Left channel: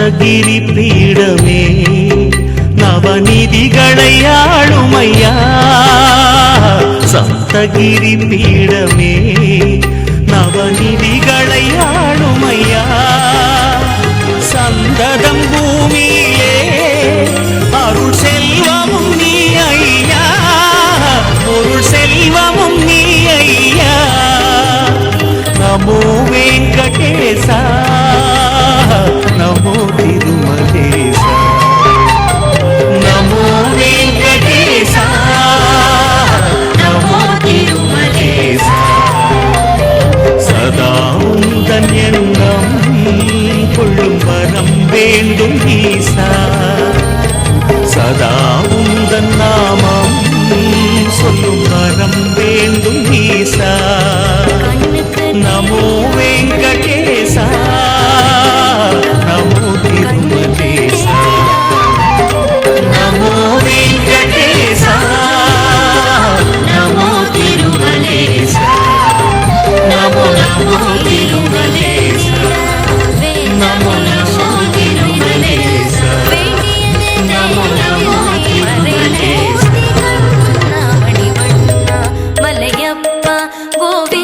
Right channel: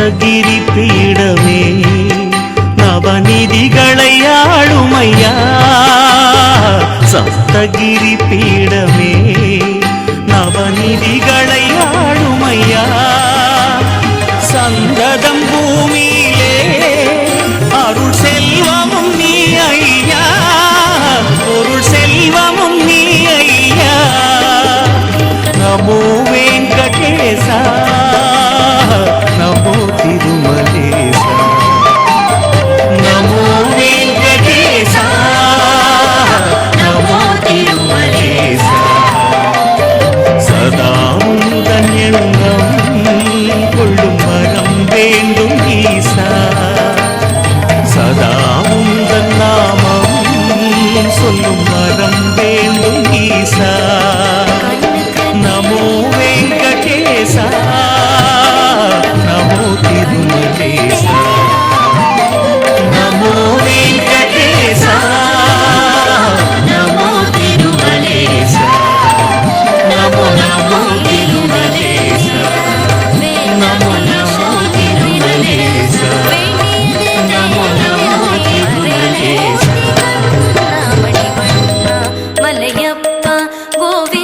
சப்தகிரி பீடமே நவநிதிகளை ஆளுமையா. சப்தகிரி பீடமே நவநிதிகளை ஆளுமையா. சந்ததம் பூமியிலே அருள் செல்வமும் நீ ஐயா, பொருள் செல்வமும் நீ ஐயா. நமோ வெங்கடேசா, நமோ திருமலேசா. நமோ வெங்கடேசா, நமோ திருமலேசா. சதா உந்தன் எண்ணம் கொள்ளும் வரம் வேண்டும் ஈசா. சதா உந்தன் நாமம் சொல்லும் வரம் வேண்டும் ஈசா. நமோ வெங்கடேசா, நமோ திருமலேசா. நமோ வெங்கடேசா, நமோ திருமலேசா. நமோ நமோ திருமலேசா. நமோ நமோ திருமலேசா. நமோ நமோ திருமலேசா. மலையப்பா கோவி